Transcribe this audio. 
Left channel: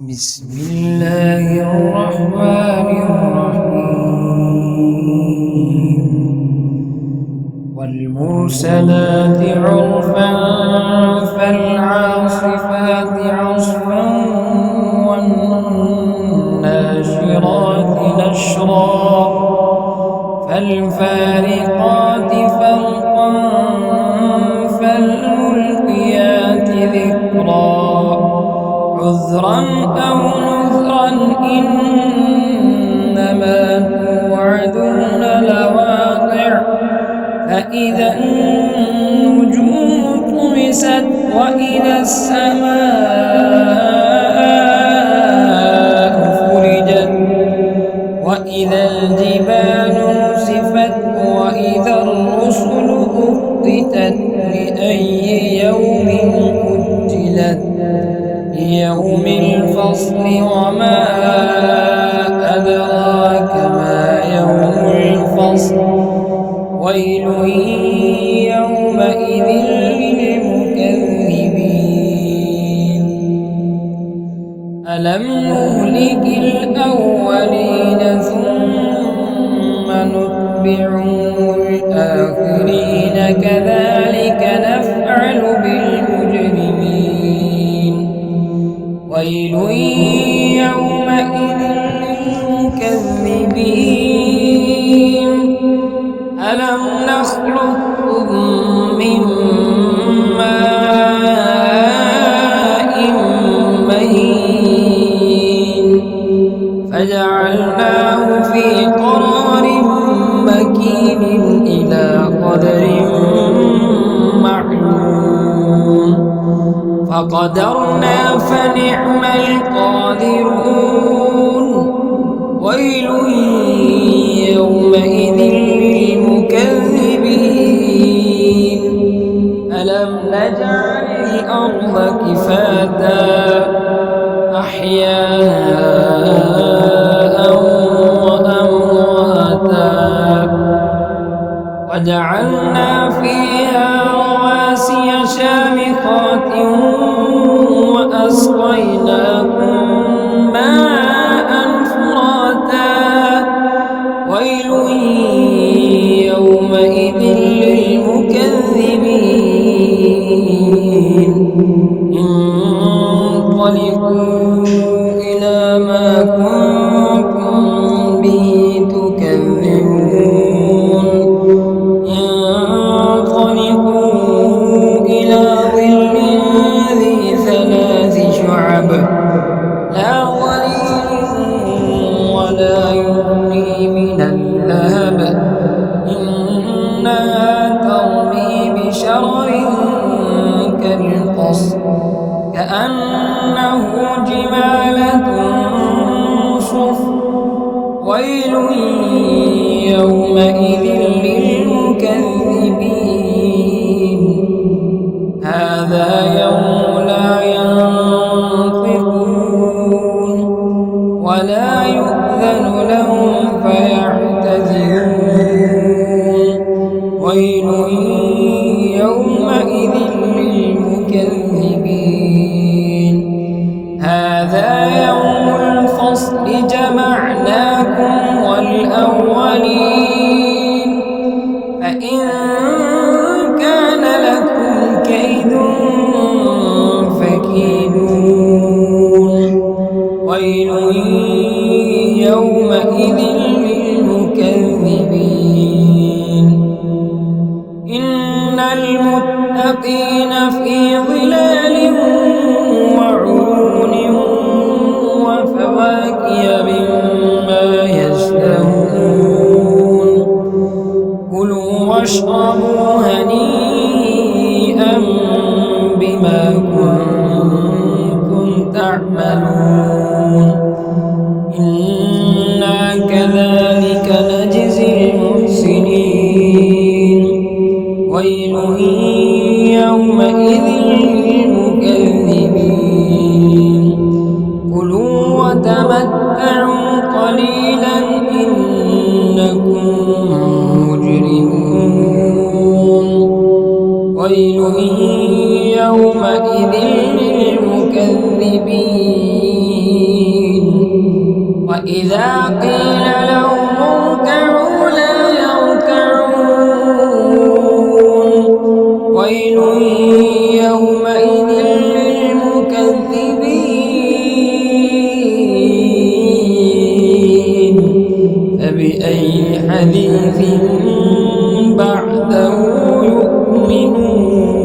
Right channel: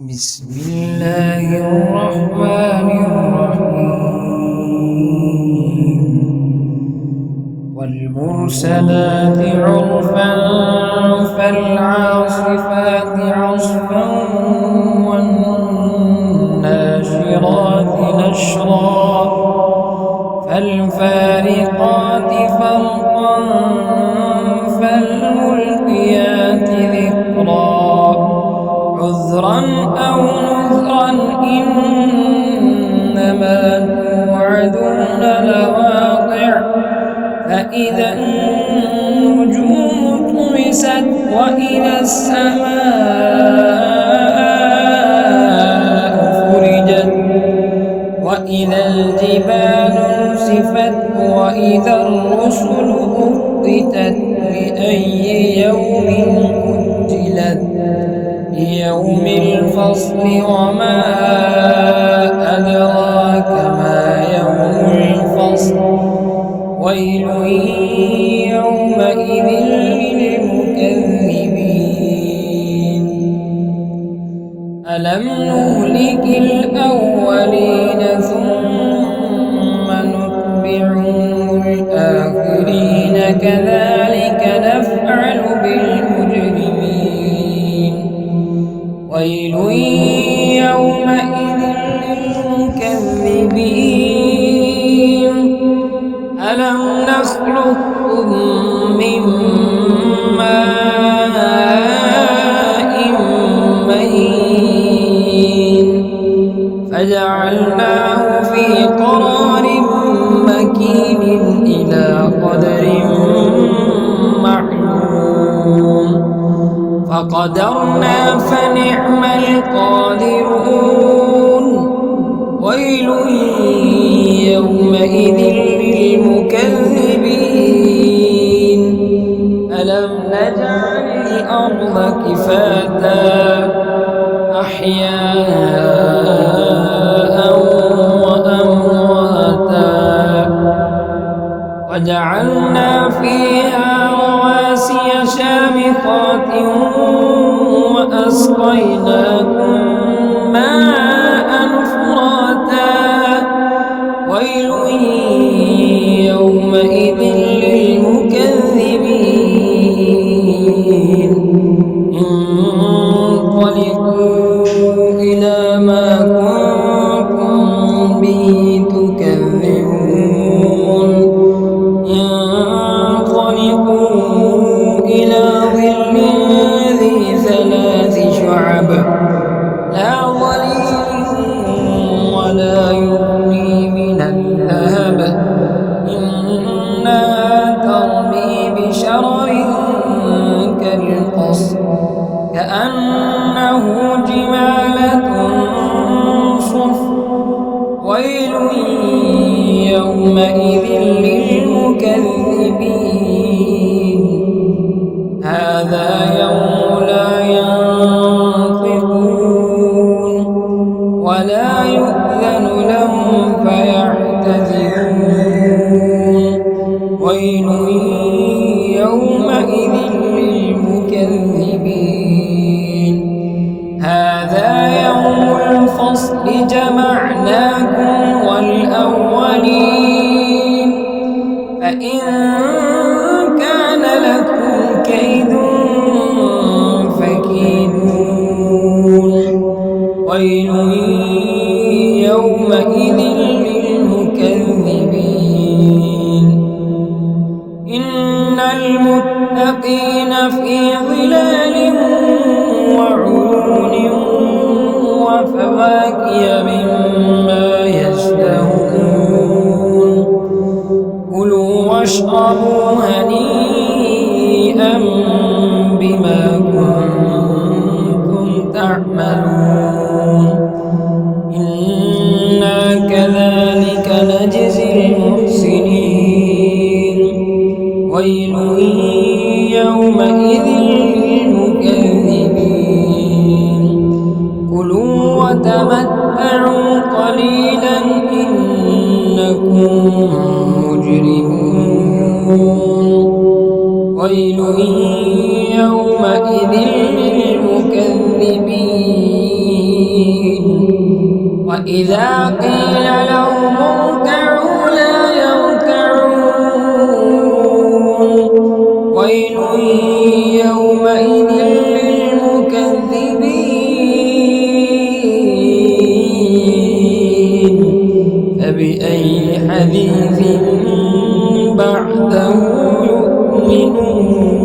بسم الله الرحمن الرحيم والمرسلات عرفا فالعاصفات عصفا والناشرات نشرا فالفارقات فرقا فالملقيات ذكرا عذرا أو نذرا إنما توعدون لواقع فإذا النجوم طمست وإذا السماء فرجت وإذا الجبال نسفت وإذا الرسل أقتت لأي يوم أجلت ليوم الفصل وما أدراك ما يوم الفصل ويل يومئذ للمكذبين ألم نهلك الأولين ثم نتبعهم الآخرين كذلك نفعل بالمجرمين ويل يومئذ للمكذبين ألم نخلقكم من ماء مهين فجعلناه في قرار مكين إلى قدر معلوم فقدرنا فنعم القادرون ويل يومئذ للمكذبين ألم نجعل الأرض كفاتا أحياء وأمواتا وجعلنا فيها رواسي شامخات وأسقيناكم ماء فراتا ويل يومئذ للمكذبين انطلقوا إلى ما كنتم به تكذبون انطلقوا إلى ظل ذي ثلاث شعب لا ظليل ولا يغني من اللهب إنها ترمي بشرر كالقصر كأنه جمالة صفر ويل يومئذ للمكذبين هذا يوم لا ينطقون ولا يؤذن لهم فيعتذرون ويل يومئذ للمكذبين هذا يوم الفصل جمعناكم والأولين فإن كان لكم كيد فكيدون ويل يومئذ للمكذبين إن المتقين في ظلال وعيون وفواكه مما يشتهون كلوا واشربوا هنيئا بما كنتم تعملون إنا كذلك نجزي المحسنين ويل يومئذ للمكذبين كلوا وتمتعوا قليلا إنكم مجرمون ويل يومئذ للمكذبين وإذا قيل لهم اركعوا لا يركعون ويل يومئذ للمكذبين فبأي حديث بعده يؤمنون